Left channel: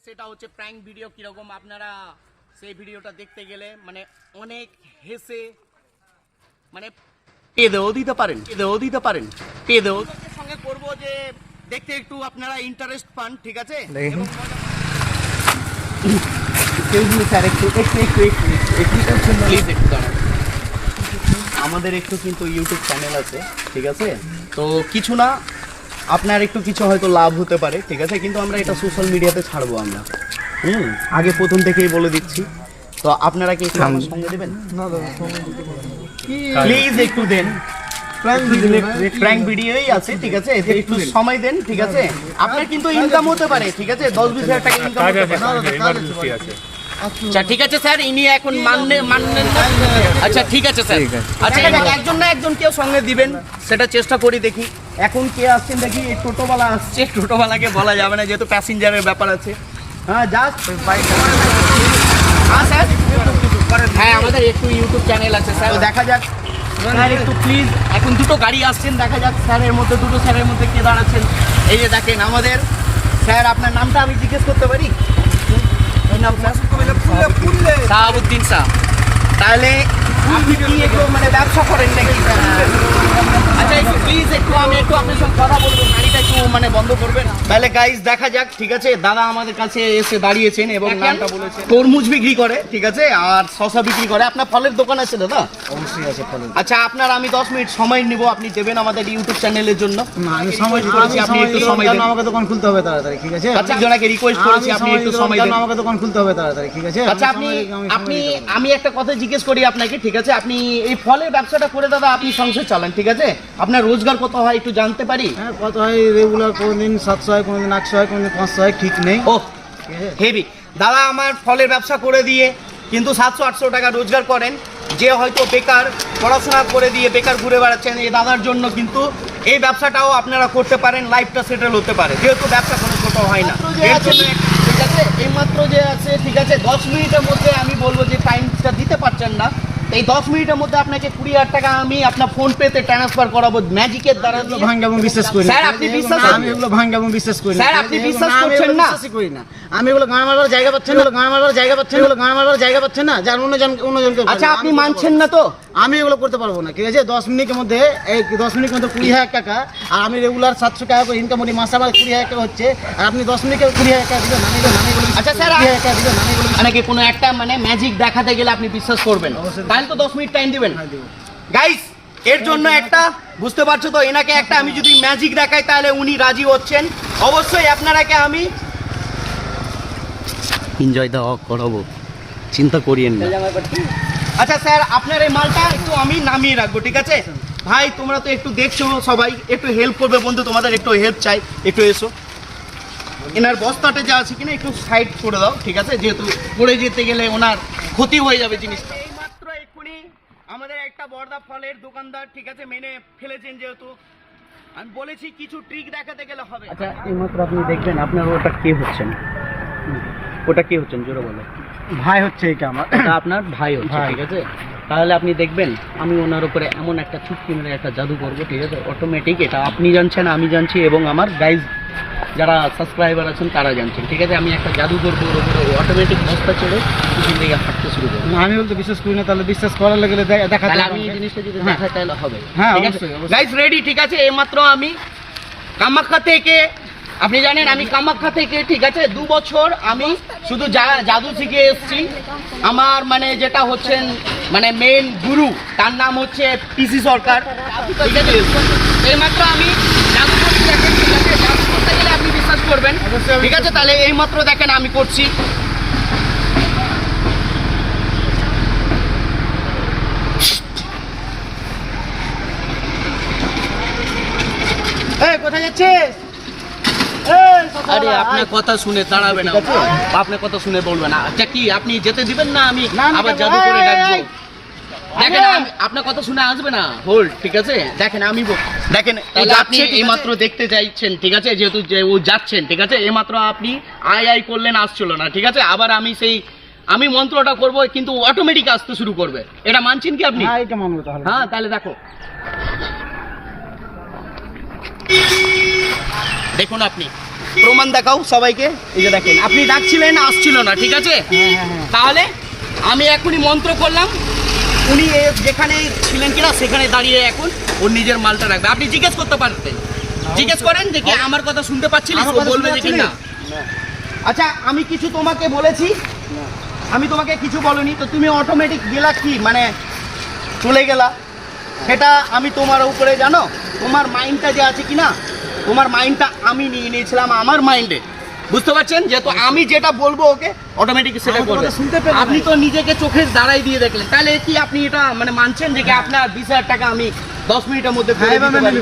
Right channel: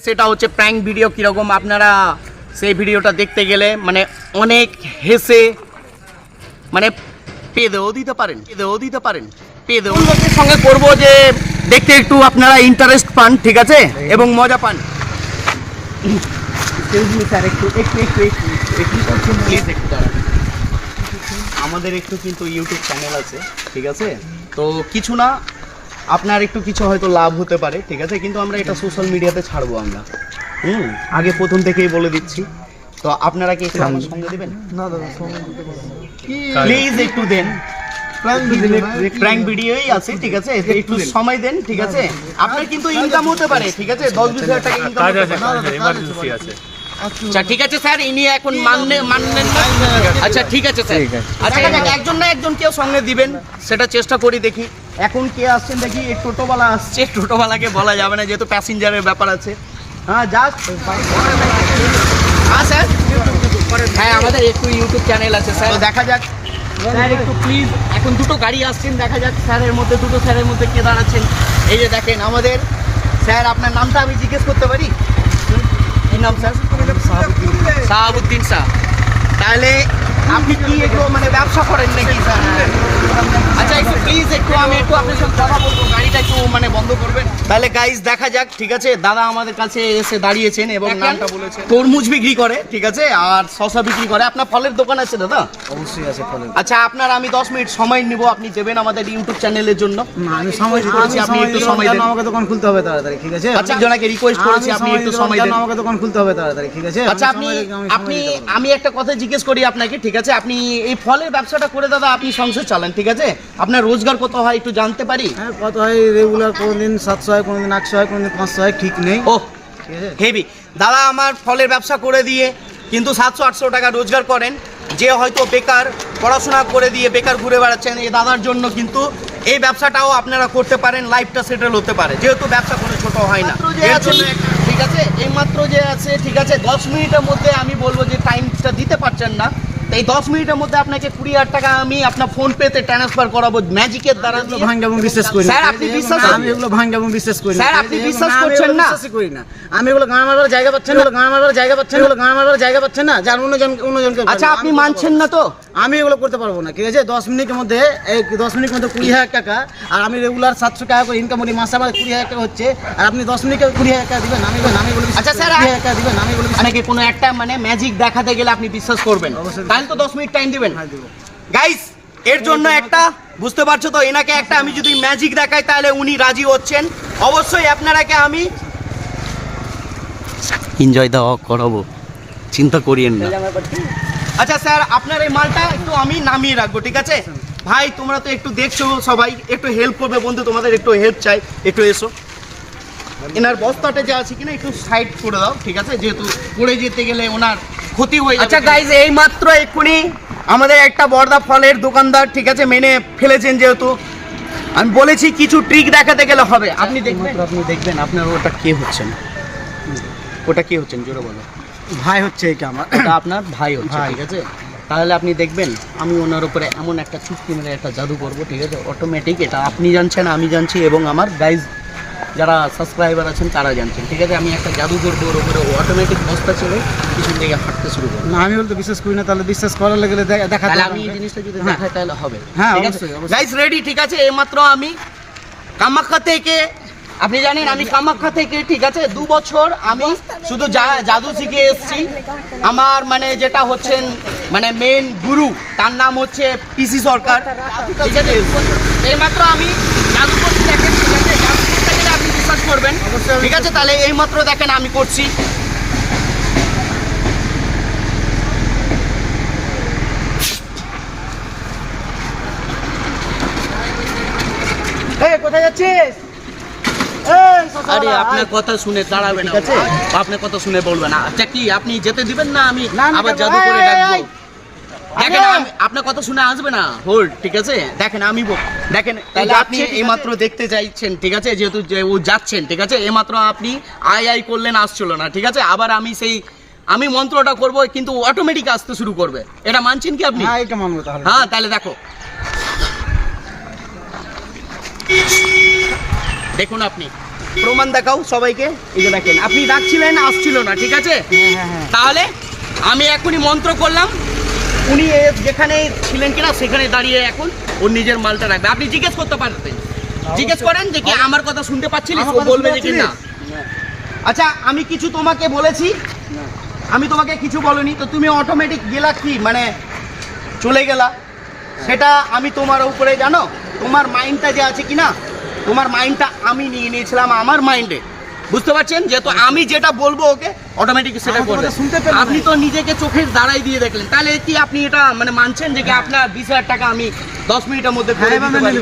সেটা হচ্ছে prank video কিরকম আপনারা সেই ভিডিওটা দেখতে গেলে মানে অনেক হেসে মানে পেদেও দিতে পারেন পেদেও লোকের সঙ্গে করবো যে দেখতে একটু আপনারা ইন্টারেস্ট পান, ঠিক আছে, এবং মজা পান। আমাদের একটু কিন্তু ইউটিউব চ্যানেল আছে, ঠিক আছে, তো কিছু না আপনার একটু কিছু হয়তো লাভ হতে পারে, ঠিক আছে, কিন্তু আমরা এটা সোশ্যাল মিডিয়াতে ছাড়বো আমরা। আগে প্রথম থেকেই বলে দিচ্ছি, তো আপনারা কি আমার সঙ্গে দেবেন? প্লিজ একটু দেন, প্র্যাঙ্ক ভিডিওই আছে, ঠিক আছে, একটু সময় দেন, ঠিক আছে, আপনার কিন্তু ইনকাম হতে পারে, ঠিক আছে, 10-20 হাজার টাকা ইনকাম হতে পারে। আচ্ছা ঠিক আছে স্যার, ইনি এখন মানলেন না? আচ্ছা ঠিক আছে স্যার, আচ্ছা একজন না একজন কেউ সঙ্গে দিবেন, সেটা চেষ্টা করি দেখি। এখন কে আসছেন দেখি, এই টোটোওয়ালা আসছে, টোটোওয়ালাকে বলা যাবে না যেহেতু প্যাসেঞ্জারের ব্যাপার আছে। হ্যাঁ জাস্ট হ্যাঁ স্যার, হ্যাঁ আমাদের একটু ইউটিউব চ্যানেল আছে স্যার, দেখা যাক স্যার একটু প্লিজ। এখন দুটো গাড়ি আসছেন, দেখা যাক স্যারের মধ্যে দুটো স্যারের মধ্যে কে দাঁড়াচ্ছেন। এই যে দেখেন আমাদের স্যার, আপনার নামটা আমি জিজ্ঞেস করতে পারি? কি নাম স্যার? শাহাবুদ্দিন শাহ। তাহলে আপনি কি একটু মানে ব্যবসা করেন নাকি? আচ্ছা একটু প্লিজ একটু আমি একটু আপনার সঙ্গে কথা বলবো, গাড়িটা একটু মানে বন্ধ করবেন। তাহলে গাইস দেখা যাক, ঠিক আছে, দাদা আমাদের কাছে এসে দাঁড়িয়েছেন এবং নামটা বলেছেন। তরমুজ বিক্রি করে, ঠিক আছে, আর শসা বিক্রি করে। আপনার ফলের দোকান আছে দাদা? অবশ্যই আছে ফলের। আচ্ছা আপনার আমি 10 মিনিট সময় নিব, আপনি দেবেন আমাদের ইউটিউব চ্যানেলের জন্য? না আমি সময় করেছি, আপনি একটু সময় দেন, আমাকে দোকান খুলতে হবে তাড়াতাড়ি, ঠিক আছে? আচ্ছা একজনকে রিকোয়েস্ট করেছি, আপনি একটু সময় দেন, আমাকে দোকান খুলতে হবে তাড়াতাড়ি, ঠিক আছে? আচ্ছা আমি একটা কথা জিজ্ঞেস করি আপনাকে, ঠিক আছে, আপনি এই ফলের ব্যবসাটা করে দাদা আপনি সংসার চালান, ঠিক আছে, আপনার রোজগার কত হয় একটু জানতে পারি? হ্যাঁ কত হয় রেগুলার, কোনদিন 700 হয়, কোনদিন 800 হয়, কোনদিন 500 হয়, ঠিক নেই। ও হেভি দাদা, আমার ফলের ব্যবসা করে দিয়ে কিন্তু 700-800 টাকা রোজগার করেন। যে হয়তো বেকার, পড়াশোনা করে দিয়ে বেকার ঘুরে বেড়াচ্ছেন, এই দাদার জন্য কিন্তু এই ব্যবসাটাও আপনারা করতে পারেন, লাইফটা সেটেল হতে পারে, যেহেতু ব্যবসা কোনো ছোট হয় না। ঠিক আছে, এইমাত্র যে আছে, ঠিক আছে, 10 মিনিটের মধ্যে আমি বলবো যে টাইমটা দিতে পারছেন না, এই 10 মিনিটের মধ্যে আপনাকে 20,000 টাকা আমি আপনার ফোন পেতে ট্রান্সফার করাবো ম্যাজিকের দ্বারা। ভাঙ্গা এবং বিশ্বাস করি স্যার আপনি বিশ্বাস করেন? আমি এগুলো ভাঙ্গা এবং বিশ্বাস করি না। স্যার আপনি বিশ্বাস করছেন না? বিশ্বাসই করি না আমি। এগুলো গান মারবার জায়গা পাচ্ছেন না, গান মারবার জায়গা পাচ্ছেন না, গান মারবার জায়গা পাচ্ছেন না, যার অন্যজনকে। আচ্ছা আপনি মানছেন না তো? আমি এগুলো করতে পারবো না, ঠিক আছে? 10 মিনিটের মধ্যে 20,000 টাকা, আর আমি রেগুলার 700 টাকা করে ইনকাম করি, মাসে আমার 20,000 টাকা হচ্ছে, আর আপনি 10 মিনিটে 20,000 টাকা দিবেন? আমি বলি আচ্ছা স্যার 20,000 টাকা দিবেন? আমি বলি নাকি কোনো একটা মানে ম্যাজিক দেখাতে গেলে আপনি বিশ্বাস করবেন? তাহলে তো 10 মিনিট টাইম দিবেন। হ্যাঁ দিব। গাইস এর জন্য একটা বুঝতে পারছো তো, এনাকে একটা আমি যদি ম্যাজিক দেখাই তাহলে উনি রাজি হচ্ছেন। অবশ্যই আপনারাকে আমি এনজয় দেওয়া করাবো, চিন্তা করিয়েন না। আচ্ছা স্যার আপনার এই মালটা একটু আমি নামিয়ে রাখবো, ঠিক আছে? ভাই তোমরা তো একটু দেখছো, সবাই একটু হেল্প করবে, বন্ধু তোমাদের একটু হেল্প চাই, একটু এসো। এনার বস্তাটা যা আছে কিনা একটু সাইড করে দাও, ঠিক আছে, যেহেতু পড়ে যেতে গেলে ওনার ক্ষতি হয়ে যাবে। আচ্ছা গাইজ এই মাত্র এক্ষুনি আমাদের একটা বর্দা ফলের দোকানদার, ঠিক আছে, মেনে ফেলেছেন, যেহেতু আমি বলেছি কিছু ট্রিক দেখাতে গেলে হবে। আপনি দেখবেন আপনার ওটা কে হচ্ছেন, ওটা কে হচ্ছেন জোরে বলো। ভাই হচ্ছে এইটা আমার, এটা আপনার ভাই হচ্ছে, ঠিক আছে, তাহলে আপনি দেখবেন আমি ওনার উপরে এমন একটা চুটকি মেরে একটা জাদু করবো, ঠিক আছে, অটোমেটিক। এটা আপনি জানছেন, আমি জানছি, এবং আমার গাইজ যারা সাবস্ক্রাইবার আছেন তারা জানছেন, ঠিক আছে, আমি একটা জাদু করবো ওর উপরে, অটোমেটিক বস্তা চলে পিছন থেকে হাঁটতে শুরু করবো। না আমি বলতে বিশ্বাস করি না, তাহলে বিশ্বাস করার গেলে দেখাতে আমি এই জিনিসটা যদি দেখাই তাহলে হবে। হ্যাঁ ঠিক আছে অবশ্যই অবশ্যই। গাইস রেডি, ঠিক আছে, এইমাত্র আমি কামাখ্যা থেকে, আপনি জানেন আমি কামাখ্যা থেকে, ঠিক আছে, 2 বছর আমি শুধু জাদু শিখে এসেছি। আমার মানে যেটা হচ্ছেন মানে মেন গুরু, তার নাম হচ্ছে পিসি সরকার, ঠিক আছে, এইমাত্র আমি জাদু করছি, দেখেন, ঠিক আছে, জাদু করতে গেলে আপনি বিশ্বাস করবেন, ঠিক আছে, তাহলে এইমাত্র দেখেন আমি করছি। কোথায় যাচ্ছিস? আরে আপনার কথা শুনে দাঁড়াবে না, ঠিক আছে, আপনার কথা শুনে বলবে না। আচ্ছা কি আপনি যেতে দিবেন না? আমি আবার জাদু করে ডাকবো। দেখেন আপনার কথা শুনে আসবে না, হোল্ড, ঠিক আছে, দেখেন আমি দেখেন, তাহলে আপনি এইমাত্র দেখতে চাইছেন, ঠিক আছে, যেহেতু যে ও যাচ্ছেন, ঠিক আছে, এইমাত্র আপনি আই করলেন, আসছিল না, ঠিক আছে, আবার আমি মন্ত্রটা করব কিন্তু অটোমেটিক আসতে শুরু করবে, এটা মানছেন কি আপনি? হ্যাঁ এটা মানবো তাহলে। হ্যাঁ তাহলে দেখো, দেখুন আপনি প্রমাণ দেখাও সবাইকে। এই যে দেখেন, আপনি ডাকছিলেন, আসছিল না, ঠিক আছে? তাহলে আমি এখনই মন্ত্র করলাম, উনি যেখানে ছিলেন কিনা সেখানে দাঁড়িয়ে এখন ওর নিজের মালটা রাখবে। আপনি জিজ্ঞেস করতে পারতেন, জিজ্ঞেস করেন যে কি আমার কথা শুনতে পাচ্ছিলিস, ও বলবে যে কি না। আচ্ছা, আমি কিছু তোমাকে বলেছি? আমি তোমাকে কিছু বলিনি, তো তুমি অটোমেটিক গেলা কি মানে চলে গেলা, সেটা আমি তোমার উপরে জানো। তোমার মাইন্ডটা যে আছে কি না, তোমার মাইন্ডটা আমি নিয়ে নিয়েছিলাম আমার মাইন্ডে, বুঝতে পারছেন? যেহেতু আমি যেটা বলবো ওকে অটোমেটিক সেটা করবে। আপনি তো নিজেকে চোখের দাঁড়াই দিয়ে দেখলেন, তাহলে কি আপনি এটা মানে মানছেন যে কি আপনার 20,000 টাকা আমি 10 মিনিটের মধ্যে করে দিতে পারি?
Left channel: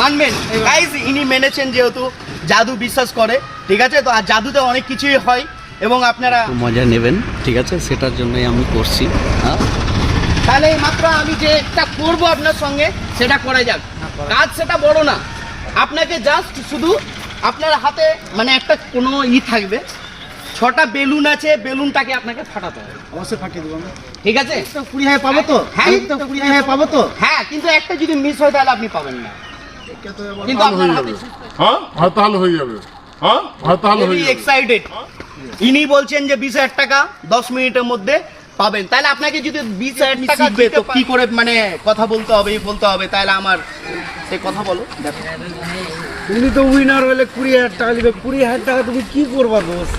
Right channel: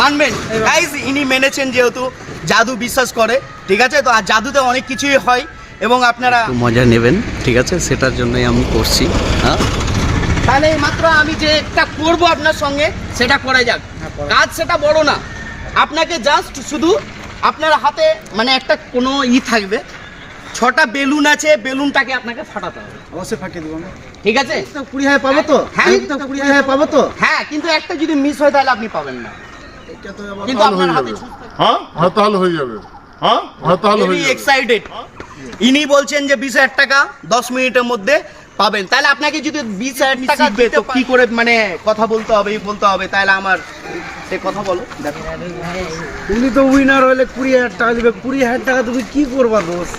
মানবেন? গাইস, ইনি মেনেছেন যেহেতু জাদু বিশ্বাস করে, ঠিক আছে? তো আর জাদুতে অনেক কিছুই হয় এবং আপনারা মজা নেবেন, ঠিক আছে? সেটার জন্যই আমি করছি। হ্যাঁ, তাহলে মাত্র আমি যে একটা করবো আপনার সঙ্গে সেটা করা যাক। কাজ সেটা বড় না, আপনাকে জাস্ট শুধু আপনার হাতে মানে একটা কোনো থাকবে, 6টা বেলুন আছে, বেলুনটাকে আপনাকে ফাটাতে হবে। অবশ্যই ফাটিয়ে দেবো আমি, ঠিক আছে? 20,000 পাবো তো? হ্যাঁ, 20,000 পাবো তো? হ্যাঁ, কিন্তু একটা যদি মিস হয় তাহলে আপনি পাবেন না। কিন্তু আপনার হাতে হ্যাঁ তাহলে হয়ে যাবে। হ্যাঁ তাহলে হয়ে যাবে। এক্সাইটেড, ইনি বলছেন যে 20,000 টাকা 10 মিনিটের মধ্যে পাবেন। তাহলে আপনাকে যদি 20,000 টাকা দিবে তো কি করে মানে কথা বলতে হবে, তাহলে আমার সে কথা বলো। দেখো, উনি তো উইনার হলে 20,000 টাকা দিবে। 20,000 টাকা তুমি কি করবা দোস্ত?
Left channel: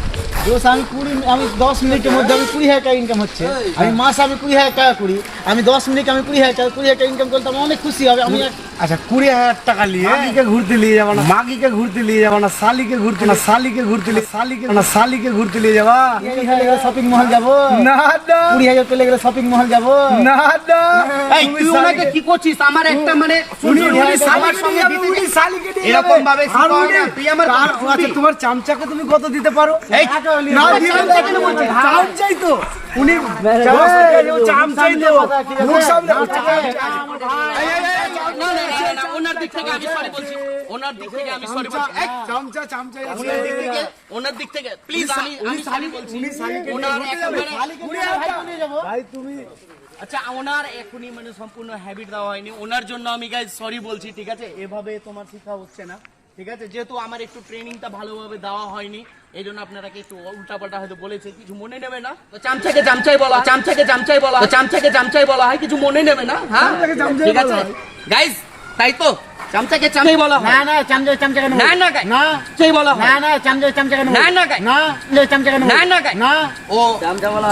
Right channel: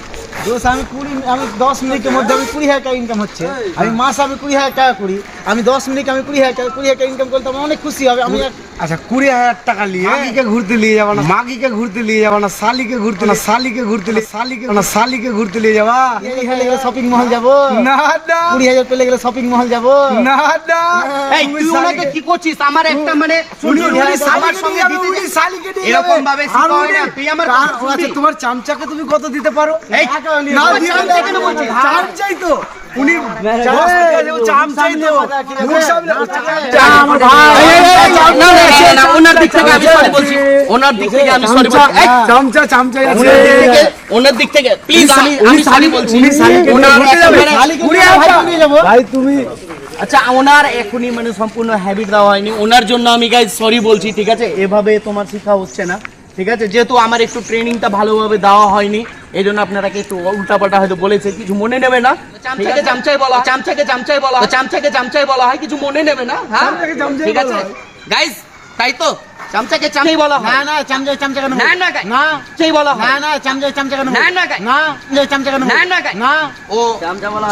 আমি 10 মিনিটের মধ্যে আমি 20,000 টাকা ইনকাম হচ্ছে, আমি মাসে আমি 20,000 টাকা করি, আমি 10 মিনিটে আমি 20,000 টাকা ইনকাম করতে আমার অনেক খুশি হবে। আমি আচ্ছা, 20,000 টাকা নিয়ে মাগিকে ঘুরতে নিয়ে যাবা না, মাগিকে ঘুরতে নিয়ে যাবা না, শালিকে ঘুরতে না, শালিকে ঘুরতে নিয়ে যাবা শপিং মহল যাবো না? না 20,000 পেলে গেলে শপিং মহল যাবো না না, এই তুই ওনাকে কি করছিস? আমার একটা মানে উনি আমার সঙ্গে দিতে উনি শালিকে নিয়ে এরকম যাবে। ভাবে আর শিখা হয় উনি- না, তুই আমার আর- আচ্ছা, তোমার চামচাকে তুমি কত দিতে পারো? এই না, আমার দিয়ে চামচা দাও। কেন বলছিস? চামচাই তো উনি চামচাই তো মুখ সামনে আমার ভাই না, ওনার দিক থেকে আমি সরি বলছি, ওনার দিক থেকে আমি সরি বলছি। এই, চামচাই আছে। ওনার দিক থেকে প্লিজ আমি সরি বলছি। উনি শালিকে ওনার ঘুরতে যাবে। একেবারে- ভাই তুমি আচ্ছা, ওনার এখনই মানে সম্পূর্ণ হ্যাবিট দেওয়া হয়নি, ওনার জন্য আমি গাইজ সরি বলছি, ঠিক আছে? এভাবে তোমার শেখা হচ্ছে না, ঠিক আছে? যেহেতু আমার একটু ট্রেনিংটা ভালোভাবে দেওয়া হয়নি, এই জন্য আপনারাকে একটু উল্টাপাল্টা হয়তো বলেছে, কিছু মনে নেবে না। চামচাকে চামচাই বলা হয়, চামচাকে চামচাই বলা হয়, কিছু মনে নেবে না। হ্যাঁ, চামচাকে চামচাই ঠিক আছে বলা হয়। গাইজ, তাই তো চামচাকে চামচাই বলা হয়। না চামচা কেন না না guys, না চাই বলা হয়। না চামচা কেন না না guys, চামচা কেন না guys, না ও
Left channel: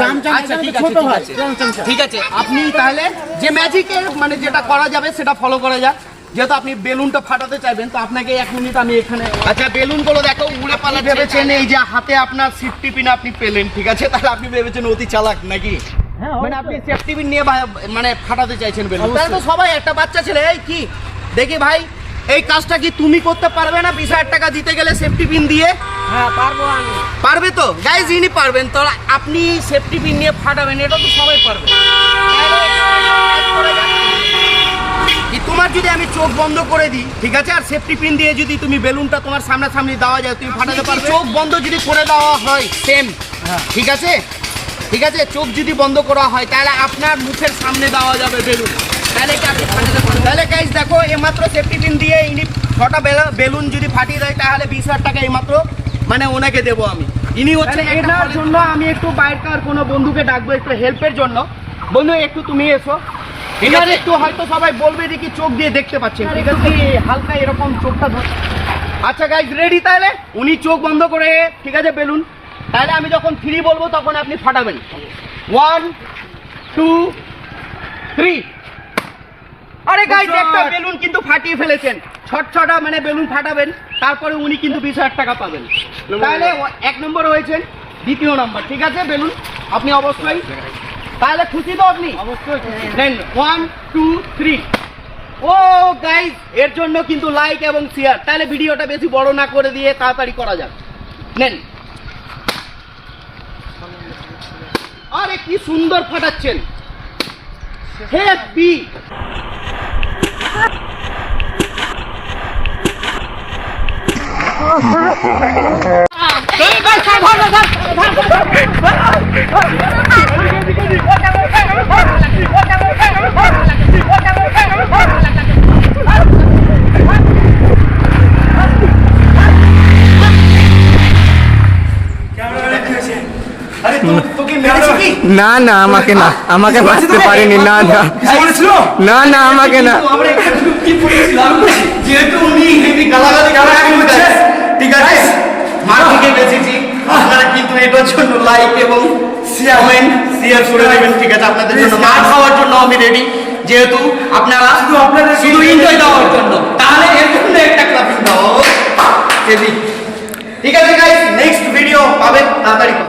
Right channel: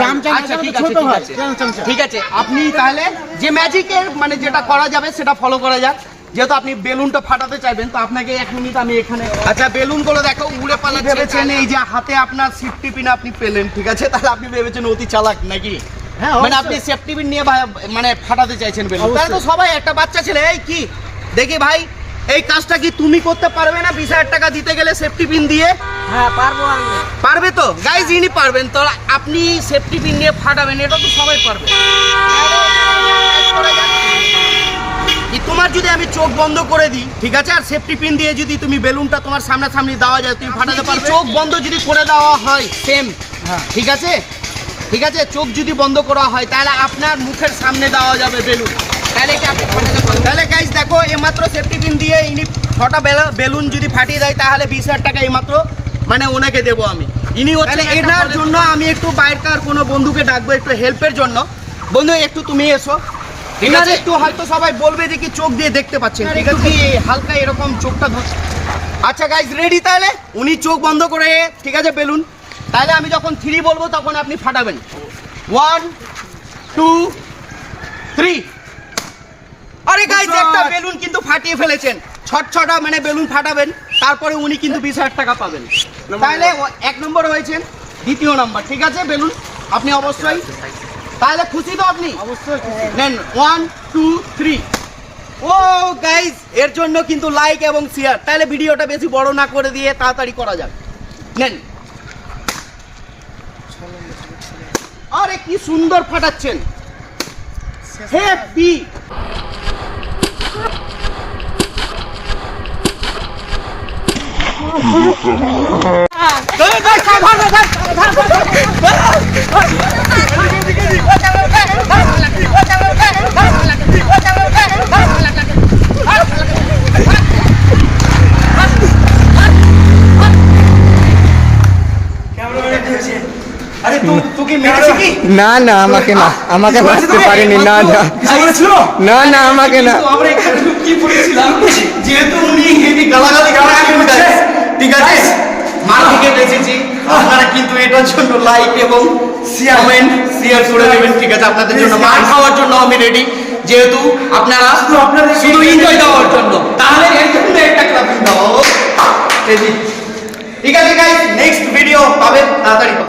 চামচা আচ্ছা, ঠিক আছে, ছোট ঠিক ভাই আছে। কেন চামচা? ঠিক আছে, আপনি তাহলে যে ম্যাজিকের মানে যেটা করা যাবে সেটা ফলো করা যাক। যেহেতু আপনি বেলুনটা ফাটাতে চাইবেন, তো আপনাকে 1 মিনিট আমি এখানে আচ্ছা বেলুনগুলো দেখো উড়ে পালা ভেবেছেন এই যে হাতে আপনার সেফটি পিন আপনি পেলেন, ঠিক আছে? তাহলে আপনি ভেবেছেন অতি চালাক নাকি? হ্যাঁ, মানে আপনি সেফটি পিন নিয়ে মানে ফাটাতে চাইছেন বেলুন। তাহলে তো সবাই একটা বাচ্চা ছেলে, এই কি দেখি ভাই, এই কাজটা কি তুমি করতে পারবে না 20,000 টাকা দিতে গেলে সেফটি পিন দিয়ে? হ্যাঁ পারবো আমি। পারবে তো গাইজ, ইনি পারবেন তো। আপনি সেফটি পিন নিয়ে ফাটাবেন, এটা তো সবাই পারবে। কি তোমার যদি আমি চোখ বন্ধ করে দিই, ঠিক আছে, আর সেফটি পিন দিয়ে যদি তুমি বেলুনটা তোমার সামনাসামনি দেওয়া যায়, তুমি ফাটাতে পারবে? চোখ বন্ধ যদি করে দেওয়া হয় সেম, ঠিক আছে? ঠিক আছে, চোখ যদি বন্ধ করা হয় তাহলে আপনার মুখের সামনে দেওয়া যাবে বেলুন, তাহলে কি আপনি ফাটাতে পারবেন? তাহলে গাইজ দেখো, এইমাত্র সেফটি পিন দিয়ে ইনি 6টা বেলুন যদি ফাটিয়ে দেয় তাহলে 20,000 টাকা এইমাত্র মানে ওনাকে দেবো আমি। ইনি হচ্ছে এটার জন্য আমি একটু বাইরেকার কোনো বন্ধুকে ডাকবো একটু হেল্পের জন্য। বন্ধু একটু তুমি এসো, ঠিক আছে? একটু হয়তো সবাই বলবে যে কি চোখ দিয়ে দেখতে পাচ্ছেন, ঠিক আছে? হালকা এরকম চোখটা আচ্ছা গাইজ রেডি? তাহলে উনি চোখ বন্ধ করে, ঠিক আছে, বেলুন, তাহলে আমি যখন 3 বলবো তখন আপনি ফাটাবেন। 1 2 3। আরে গাইজ একটা বেলুন কিন্তু ফাটিয়ে ফেলেছেন, 6টা মানে বেলুন ফাটাবেন, তারপরে উনি কিন্তু 20,000 টাকা পাবেন। তাহলে 1 নম্বর হয়েছেন, 2য় নাম্বার, ঠিক আছে? বেলুন আপনি অবশ্যই, তাহলে খুশি তো আপনি? অবশ্যই দেন 1 2 3। ও গাইজ, এর জন্য কিন্তু লাইক এবং শেয়ার। তাহলে ভিডিওটা বেশি বড় না করে দিয়ে তাড়াতাড়ি করা যাক। নেন, আরে কি সুন্দর ফাটাচ্ছেন, হেভি। আরে তোকে মেরেছে কি? না না আমাকে না, আমাকে বাঁচতে পারেনি, না না না না আমাকে না। আমরা এখানে চুক্তি পড়েছিলাম যেহেতু উনি হেভি গালাগালি করছে, ঠিক আছে মাকে বেঁচেছি। আপনারা কিন্তু এটার জন্য লাইক এবং কমেন্ট শেয়ার করে দেবেন, ঠিক আছে? আপনাদের জন্য মার খাওয়ার জন্য আমি রেডি, যেহেতু আপনারা শুধু এনজয় দেওয়ার জন্য, তাহলে এর জন্য একটা ক্লাপিং দাও। ঠিক আছে গাইস, নেক্সট ভিডিও পাবেন তাড়াতাড়ি।